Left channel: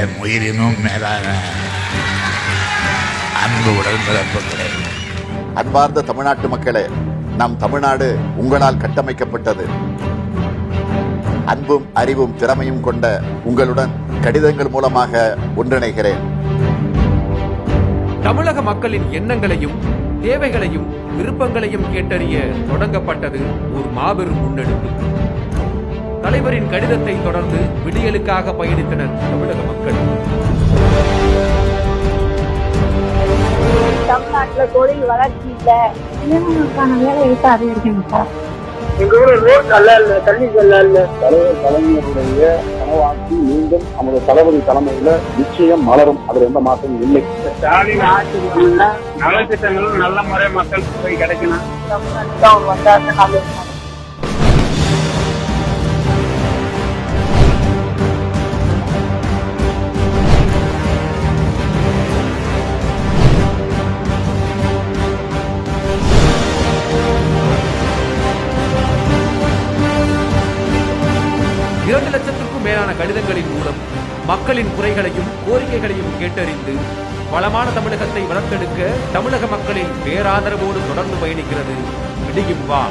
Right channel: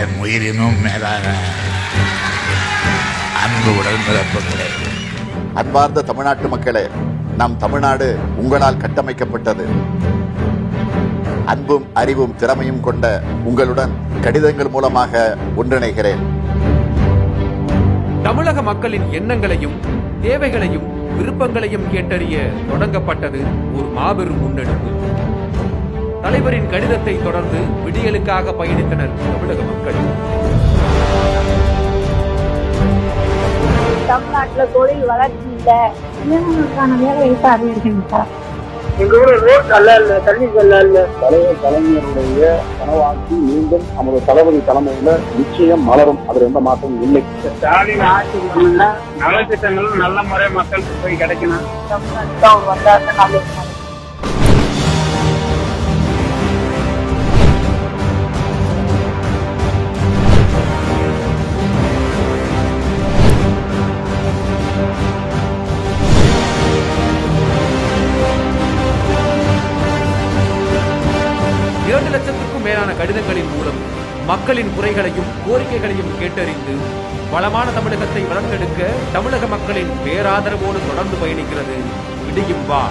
என் உயிரினும் மேலான அன்பு உடன்பிறப்புகளே, அன்பார்ந்த தமிழ்நாட்டு மக்களே, நம் தமிழ்நாடு உங்களால் கட்டமைக்கப்பட்டது. அன்பும் அறிவும் திறமையும் கொண்ட உங்களுடன் கடிதங்கள் மூலமாக ஒன்றிணைகிறேன். தமிழக மக்களின் எண்ணங்களையும் தேவைகளையும் விருப்பங்களையும் கேட்டறிய தொடங்கப்பட்டது ஒரு மாபெரும் முன்னெடுப்பு. தலைவரின் கடிதத்தை தொடர்ந்து விடியலுக்காக பயணித்தனர் தமிழக மக்கள். தமிழ்நாட்டுல தொழில் வளர்ச்சி இல்ல, இளைஞர்களுக்கான வேலை வாய்ப்பு அதிகரிக்கணும் சார். எங்க ஊர்ல ரோட் நல்லா இல்ல, தண்ணி நல்லா இல்ல. தலைவர் கலைஞருடைய கனவாட்சி மீண்டும் நமது தளபதி தலைமையில நிச்சயம் மலரும். அதுல எந்த மாற்றமும் இல்லை. ஸ்டாலின் ஆட்சி நலத்திட்டங்களும் நல்ல முறை மக்களுக்கு போய் கிடைக்கணும். தமிழ்நாட்டுல அவர் வந்தாருன்னா நல்லது. 2 லட்சத்திற்கும் மேலான கடிதங்களின் மூலம் மக்களின் குறைகளையும் கோரிக்கைகளையும் கேட்டறிந்து வளமான தமிழகத்தை வளர்த்தெடுக்க தமிழக மக்களின் பேராதரவோடு தொடர்ந்து பயணிக்கிறது விடியும் வா.